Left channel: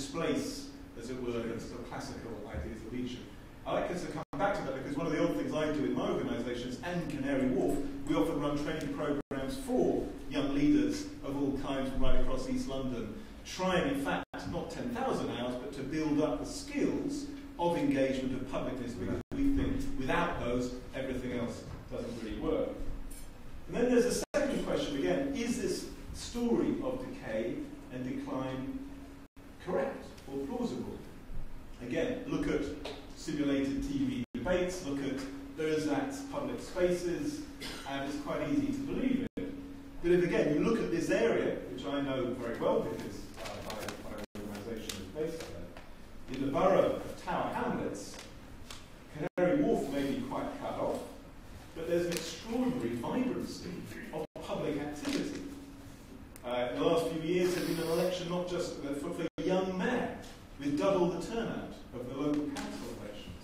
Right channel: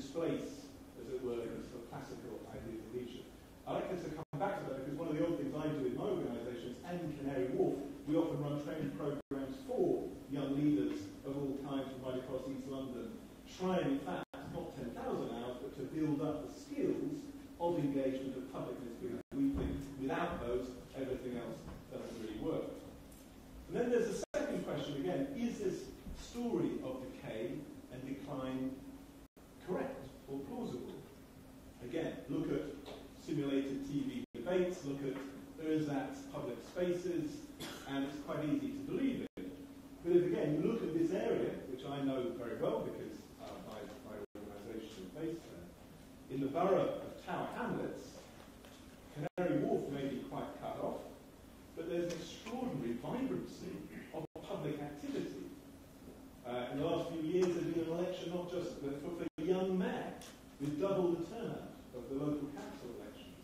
displace, as it were, the sort of classical ideas of leadership. I like us to come back to that because one of the odd things I do in my organisations and Canary Wharf, we often run training programmes for young leaders of all kinds right across East London, trying in fact not 10,000 hours, but to build up the skills of engagement, of publicness, because we think without those, everything else doesn't really work. And then there's a second question again, is this story of decay and decline correct or plausible? Again, look at simulated TV debates, look at those acts, public spaces, and it's quite easy to believe it. But if again, you look at this area, which I know very well because my organisation is based there, in the borough of Tower Hamlets, Canary Wharf may be quite cut off, but there's an extraordinary vibrancy of public activity. In the last few years, there's been an election not just for young mayor, with double the turnout of the local council elections.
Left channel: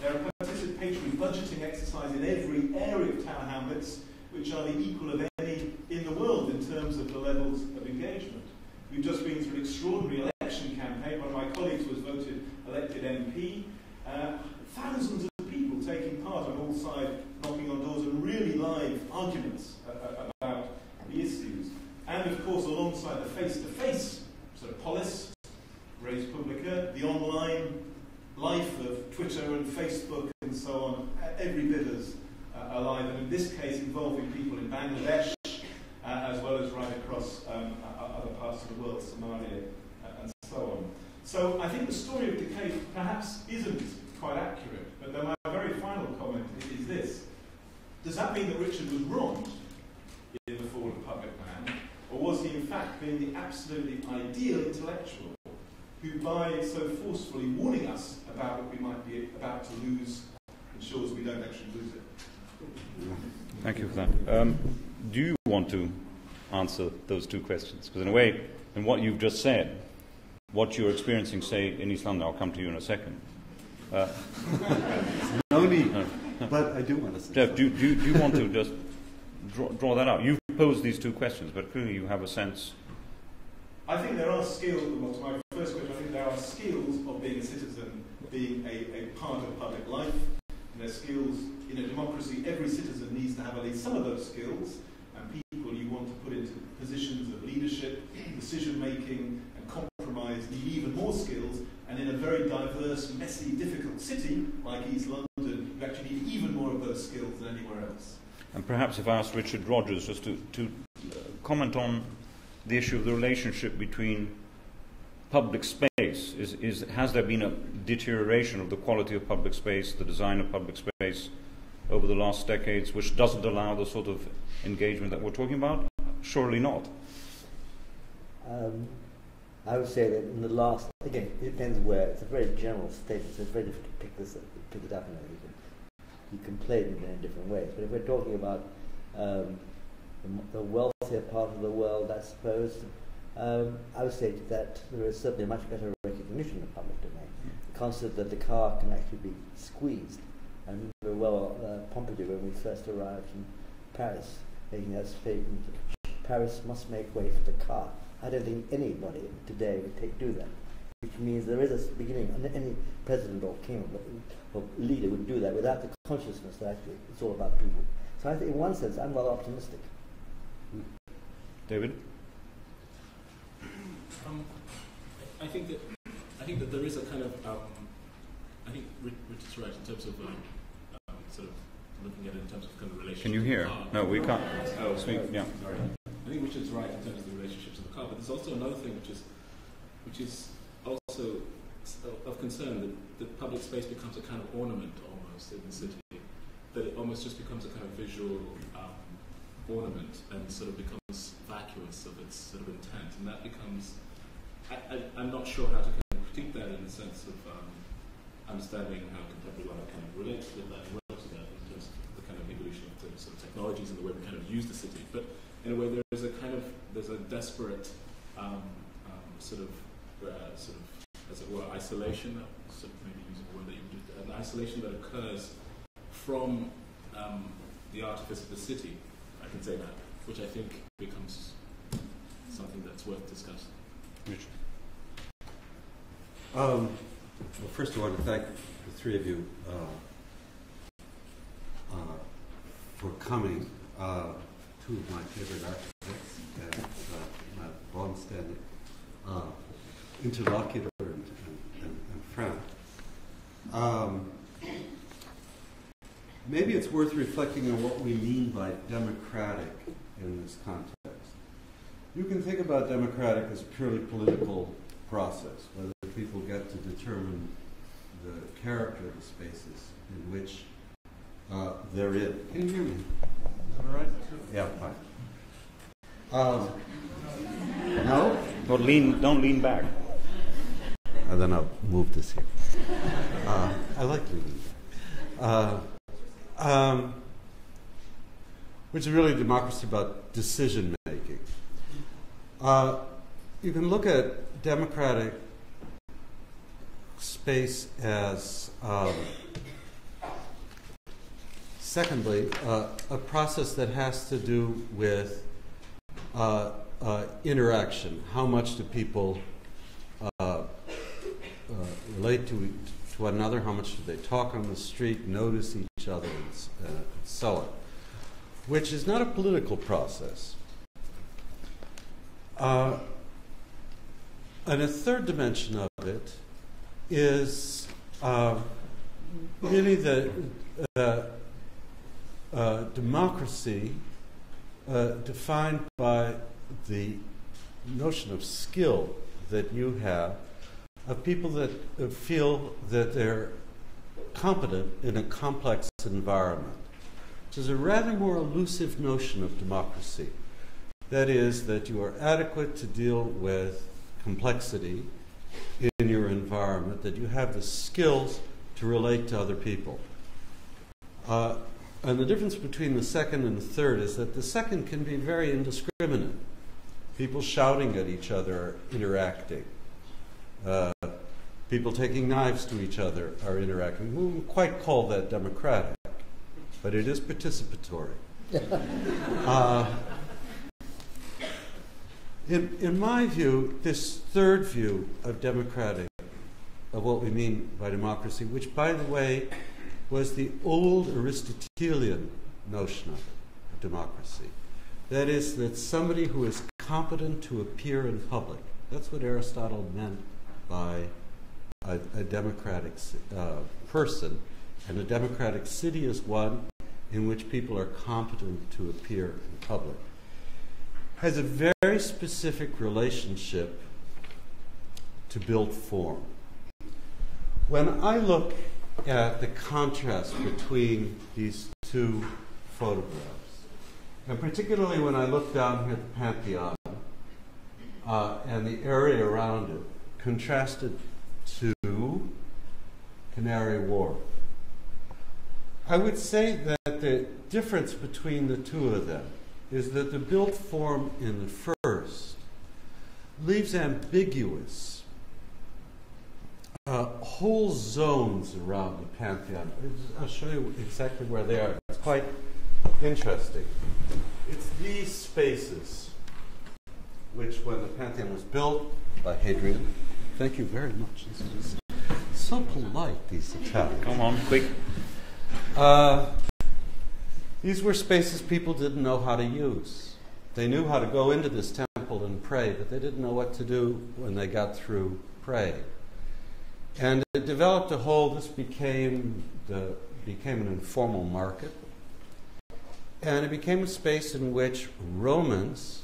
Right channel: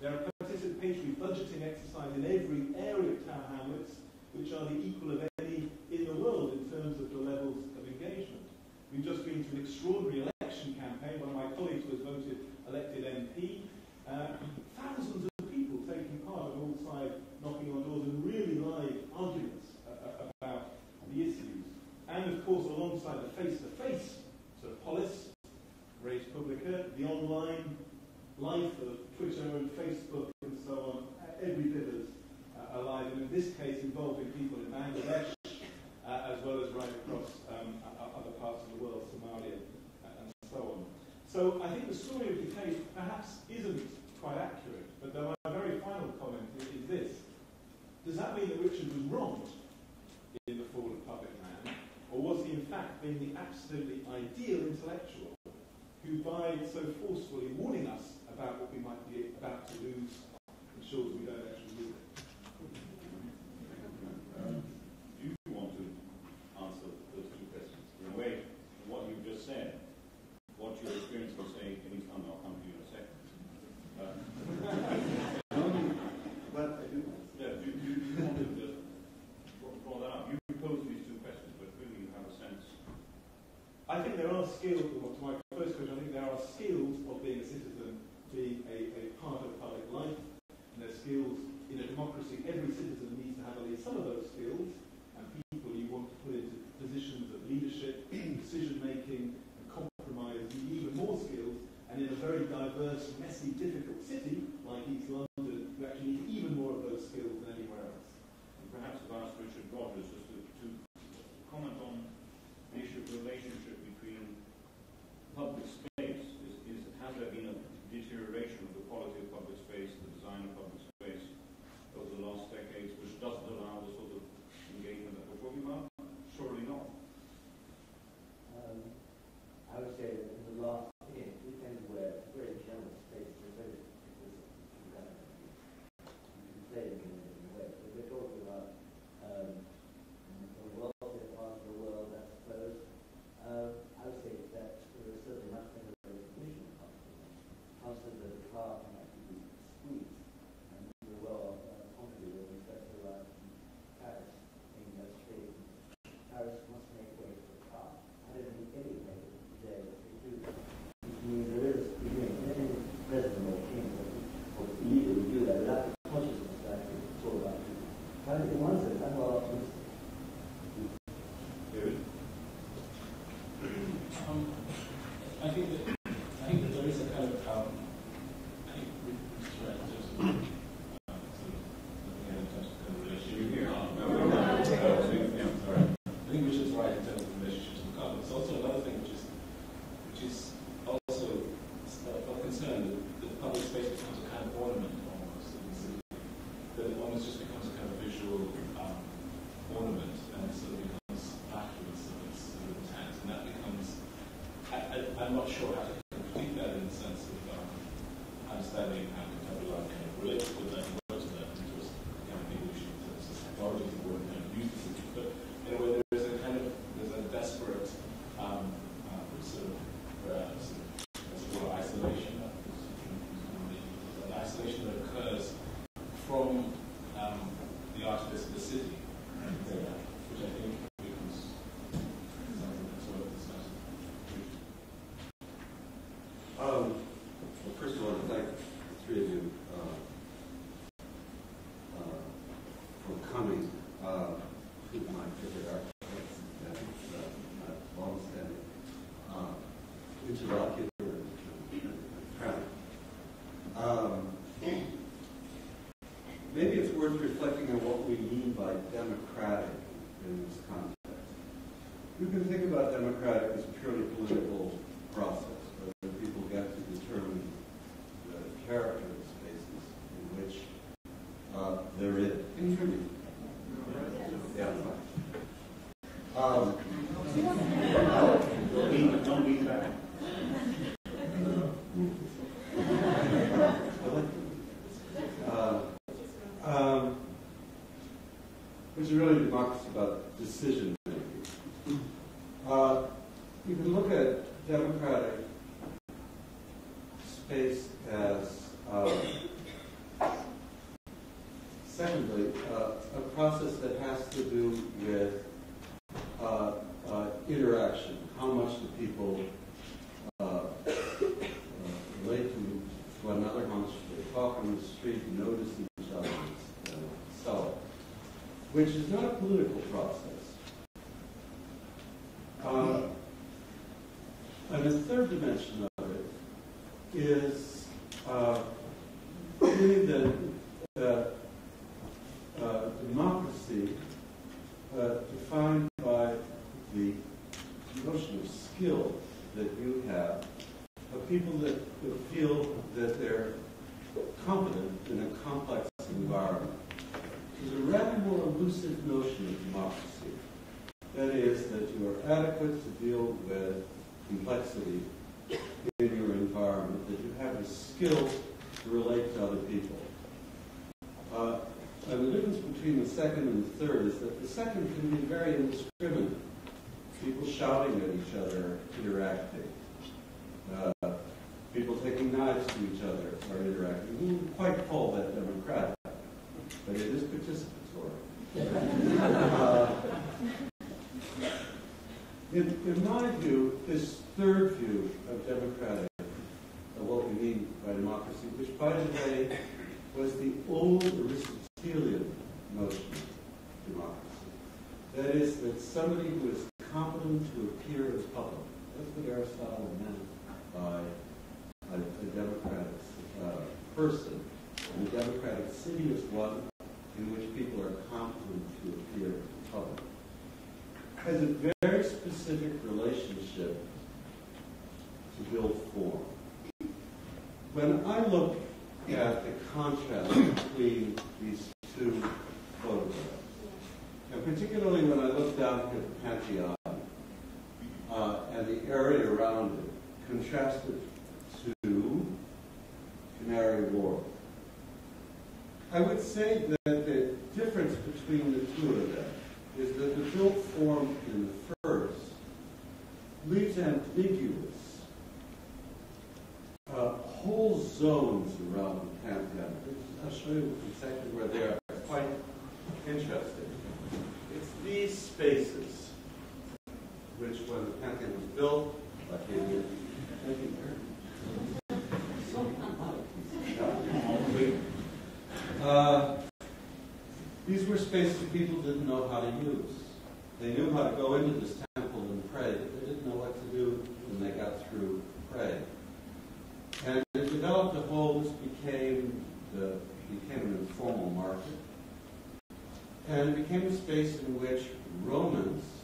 There are participatory budgeting exercises in every area of Tower Hamlets, which are the equal of any in the world in terms of the levels of engagement. We've just been through an extraordinary election campaign. One of my colleagues was elected MP. Thousands of people taking part on all sides, knocking on doors, and really live arguments about the issues. And of course, alongside the face-to-face sort of polis, res publica, the online life of Twitter and Facebook and so on, every bit as alive, and in this case involving people in Bangladesh, as well as right across other parts of the world, Somalia, and so on. So I think the story of decay perhaps isn't quite accurate, but then my very final comment is this. Does that mean that Richard was wronged in The Fall of Public Man, or was he in fact being the absolutely ideal intellectual who, by so forcefully warning us about what we might be about to lose, ensures we don't actually lose it? Thank you for that. Do you want to answer those two questions? Because in a way, in what you've just said, what you're experiencing, say, in East London, I'll come to you in a second. No need, but I do want to say Geoff, do you want to just draw that out? You've posed these two questions, but clearly you have a sense. I think there are skills, well, to my first question, I think there are skills of being a citizen, being a part of public life. There's skills in a democracy. Every citizen needs to have at least some of those skills, and people you want to put into positions of leadership, decision-making, and compromise need even more skills. And in a very diverse, messy, difficult city like East London, you actually need even more of those skills than anywhere else. And perhaps if I asked Richard Rogers just to comment on the issue of the relationship between public space. Has there been a deterioration of the quality of public space, the design of public space over the last decades, which doesn't allow the sort of engagement that we're talking about? Surely not. I would say that in the last, again, it depends where. It's a very general statement, so it's very difficult to pick it up. You can play it in many different ways. But if we're talking about the wealthier part of the world, I suppose, I would say that there is certainly much better recognition of public domain. The concept that the car can actually be squeezed. I remember well Pompidou, when we first arrived in Paris, making that statement, Paris must make way for the car. I don't think anybody today would do that, which means there is a beginning. Any president or king or leader would do that without the consciousness that actually it's all about people. So I think in one sense I'm well optimistic. David? I think that there is a kind of I think Richard's right in terms of sort of looking at it in terms of kind of relationship. Can you hear? No, we can't. Yeah. I think Richard's right in terms of the relationship to the car. But there's also another thing which is also of concern, that public space becomes a kind of ornament almost in the city. That it almost just becomes a kind of visual ornament and sort of becomes vacuous of its sort of intent, and that becomes. I'm not sure how to kind of critique that in the sense of understanding how contemporary life kind of relates with that, in terms of the kind of evolution of the technologies and the way we kind of use the city. But in a way, there's a desperate sort of as it were isolation, an isolation that occurs from the artifice of the city. I can say that, which I think becomes something that's worth discussing. Well, first I want to thank the three of you for coming. Two of my favorite architects and my long-standing interlocutor and friend. Maybe it's worth reflecting on what we mean by democratic in this context. You can think about democratic as a purely political process, whether people get to determine the character of spaces in which they're in. Can you hear me? All right? Yeah, fine. No? Don't lean back. And then I'll move this here. I like to which is really democracy about decision making. You can look at democratic space as, secondly, a process that has to do with interaction. How much do people relate to one another? How much do they talk on the street, notice each other, and so on? Which is not a political process. And a third dimension of it is really the democracy defined by the notion of skill that you have, of people that feel that they're competent in a complex environment, which is a rather more elusive notion of democracy. That is, that you are adequate to deal with complexity in your environment, that you have the skills to relate to other people. And the difference between the second and the third is that the second can be very indiscriminate. People shouting at each other, interacting. People taking knives to each other are interacting. We wouldn't quite call that democratic, but it is participatory. In my view, this third view of democratic, of what we mean by democracy, which, by the way, was the old Aristotelian notion of democracy. That is, that somebody who is competent to appear in public. That's what Aristotle meant by a democratic person. And a democratic city is one in which people are competent to appear in public. Has a very specific relationship to build form. When I look at the contrast between these two photographs, and particularly when I look down here at the Pantheon and the area around it, contrasted to Canary Wharf, I would say that the difference between the two of them is that the built form in the first leaves ambiguous whole zones around the Pantheon. I'll show you exactly where they are. It's quite interesting. It's these spaces which, when the Pantheon was built by Hadrian, thank you very much. This is so polite, these Italians. Come on, quick. These were spaces people didn't know how to use. They knew how to go into this temple and pray, but they didn't know what to do when they got through praying. And it developed this became an informal market. And it became a space in which Romans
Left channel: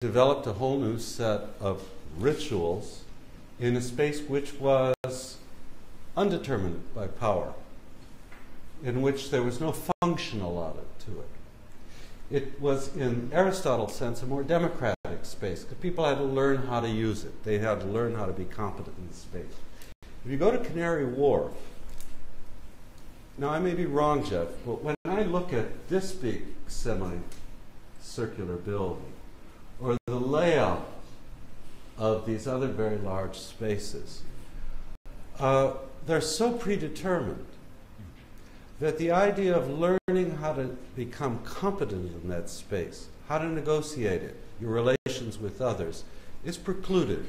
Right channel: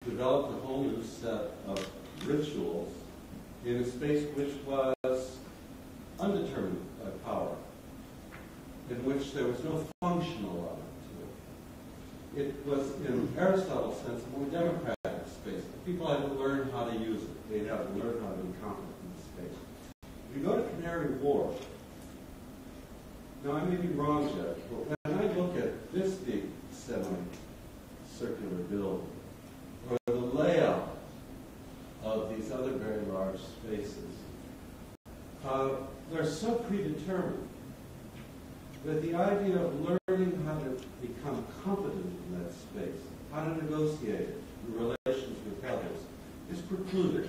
developed a whole new set of rituals in a space which was undetermined by power, in which there was no function allotted to it. It was, in Aristotle's sense, a more democratic space. The people had to learn how to use it. They had to learn how to be competent in space. If you go to Canary Wharf, now I may be wrong, Geoff, but when I look at this big semi-circular building, or the layout of these other very large spaces, they're so predetermined that the idea of learning how to become competent in that space, how to negotiate it, your relations with others, is precluded.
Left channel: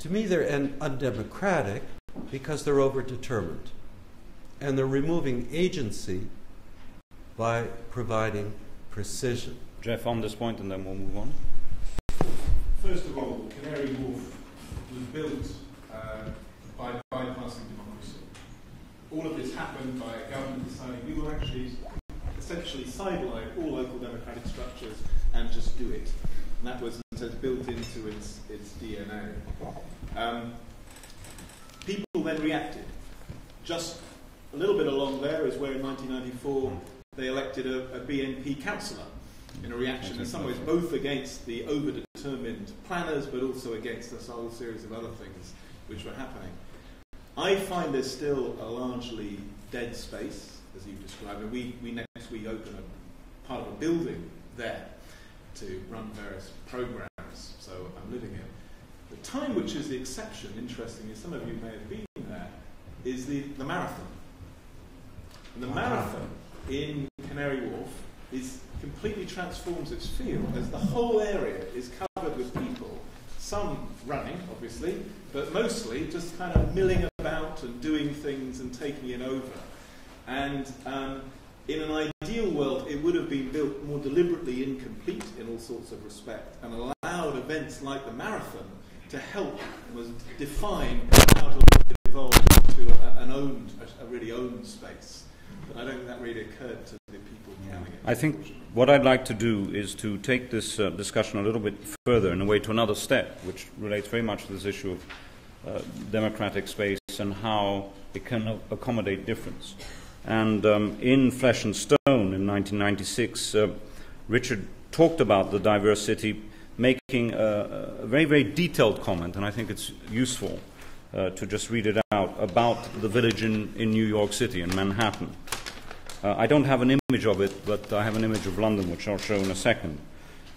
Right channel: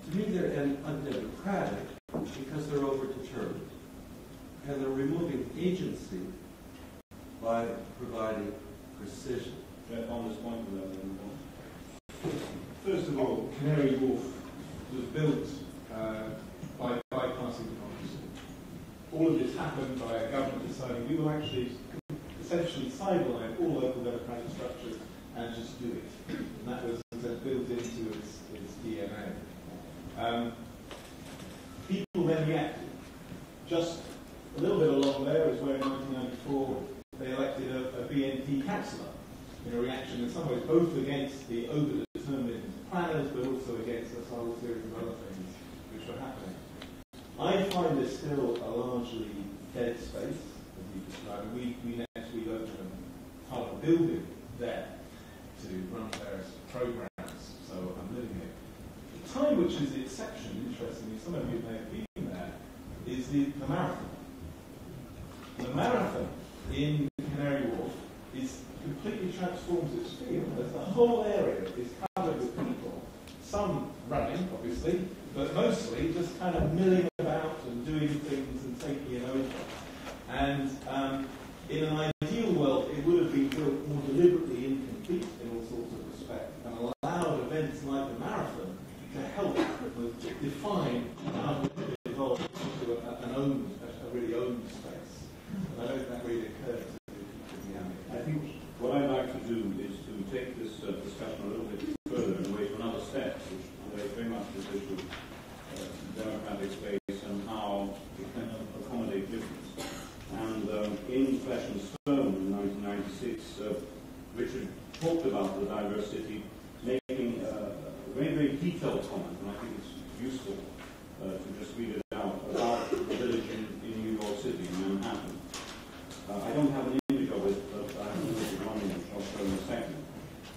To me, they're undemocratic because they're overdetermined. And they're removing agency by providing precision. Geoff, on this point, and then we'll move on. First of all, Canary Wharf was built by bypassing democracy. All of this happened by a government deciding we will actually essentially sideline all local democratic structures and just do it. And that was built into its DNA. People then reacted. Just a little bit along there is where in 1994 they elected a BNP councillor in a reaction in some ways both against the overdetermined planners but also against a whole series of other things which were happening. I find there's still a largely dead space, as you described, and we next week open a part of a building there to run various programs, so I'm living here. The time which is the exception, interestingly, some of you may have been there, is the marathon. The marathon in Canary Wharf is completely transforms its field, as the whole area is covered with people, some running, obviously, but mostly just kind of milling about and doing things and taking it over. And in an ideal world, it would have been built more deliberately incomplete in all sorts of respect and allowed events like the marathon to help define how to evolve into a really owned space. I don't think that really occurred to the people having it. I think what I'd like to do is to take this discussion a little bit further in a way to another step, which relates very much to this issue of democratic space and how it can accommodate difference. And in Flesh and Stone in 1996, Richard talked about the diverse city, making a very, very detailed comment, and I think it's useful to just read it out, about the village in New York City, in Manhattan. I don't have an image of it, but I have an image of London, which I'll show in a second.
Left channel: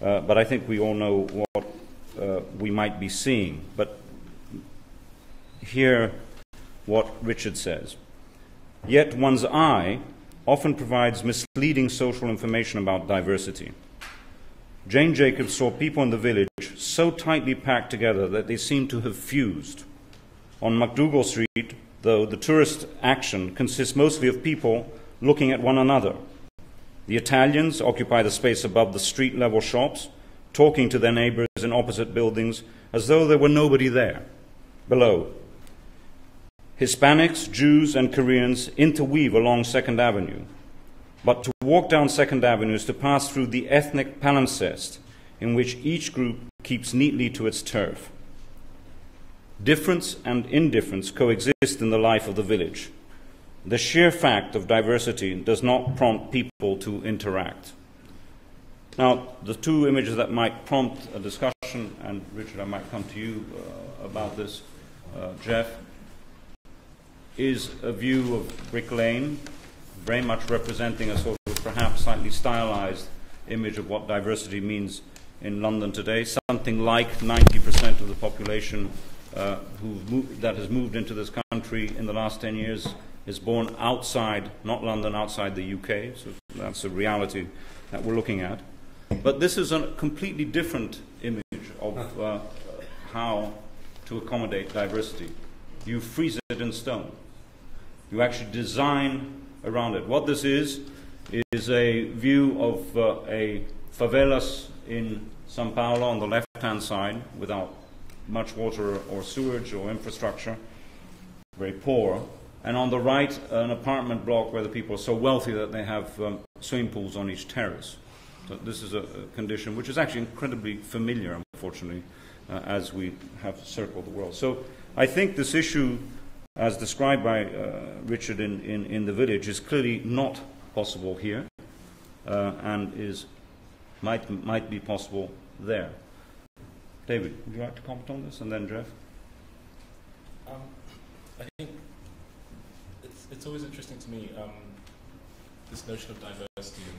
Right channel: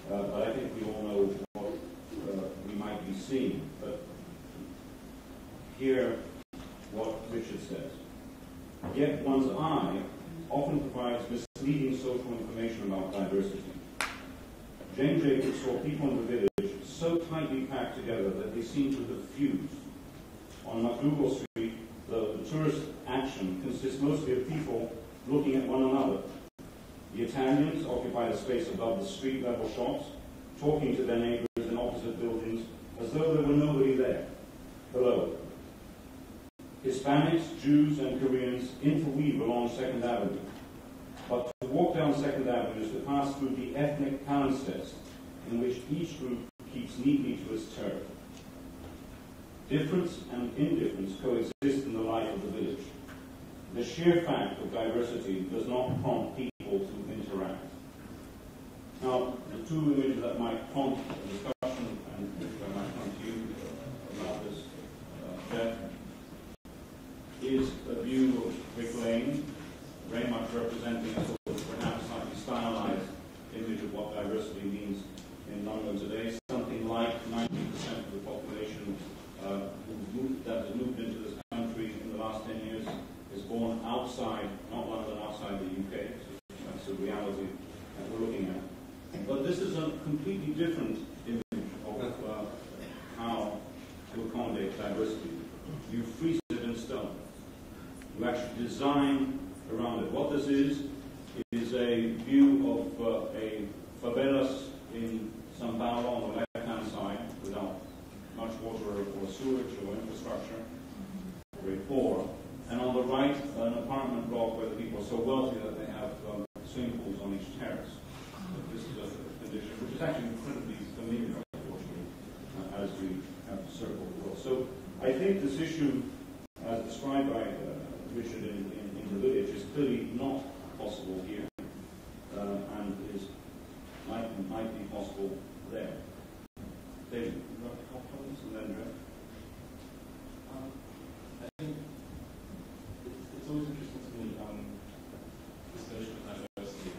But I think we all know what we might be seeing. But hear what Richard says. Yet one's eye often provides misleading social information about diversity. Jane Jacobs saw people in the village so tightly packed together that they seemed to have fused. On MacDougall Street, though, the tourist action consists mostly of people looking at one another. The Italians occupy the space above the street-level shops, talking to their neighbors in opposite buildings as though there were nobody there, below. Hispanics, Jews, and Koreans interweave along 2nd Avenue. But to walk down 2nd Avenue is to pass through the ethnic palimpsest in which each group keeps neatly to its turf. Difference and indifference coexist in the life of the village. The sheer fact of diversity does not prompt people to interact. Now, the two images that might prompt a discussion, and Richard, I might come to you about this, Geoff, is a view of Brick Lane, very much representing a sort of perhaps slightly stylized image of what diversity means in London today. Something like 90% of the population that has moved into this country in the last 10 years is born outside, not London, outside the UK. So that's a reality that we're looking at. But this is a completely different image of how to accommodate diversity. You freeze it in stone. You actually design around it. What this is a view of a favelas in São Paulo on the left-hand side, without much water or sewage or infrastructure, very poor. And on the right, an apartment block where the people are so wealthy that they have swimming pools on each terrace. So this is a condition which is actually incredibly familiar, unfortunately, as we have circled the world. So I think this issue, as described by Richard in the village, is clearly not possible here, and might be possible there. David, would you like to comment on this, and then Geoff? I think it's always interesting to me, this notion of diversity,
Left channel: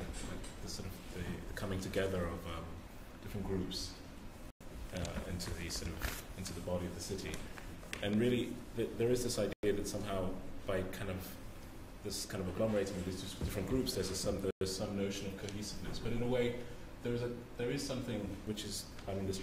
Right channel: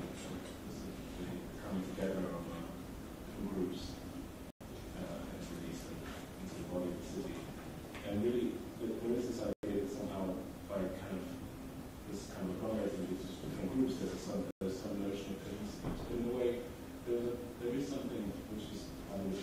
the sort of the coming together of different groups into the body of the city, and really there is this idea that somehow by this kind of agglomerating of these different groups, there's some notion of cohesiveness, but in a way there is something which is, this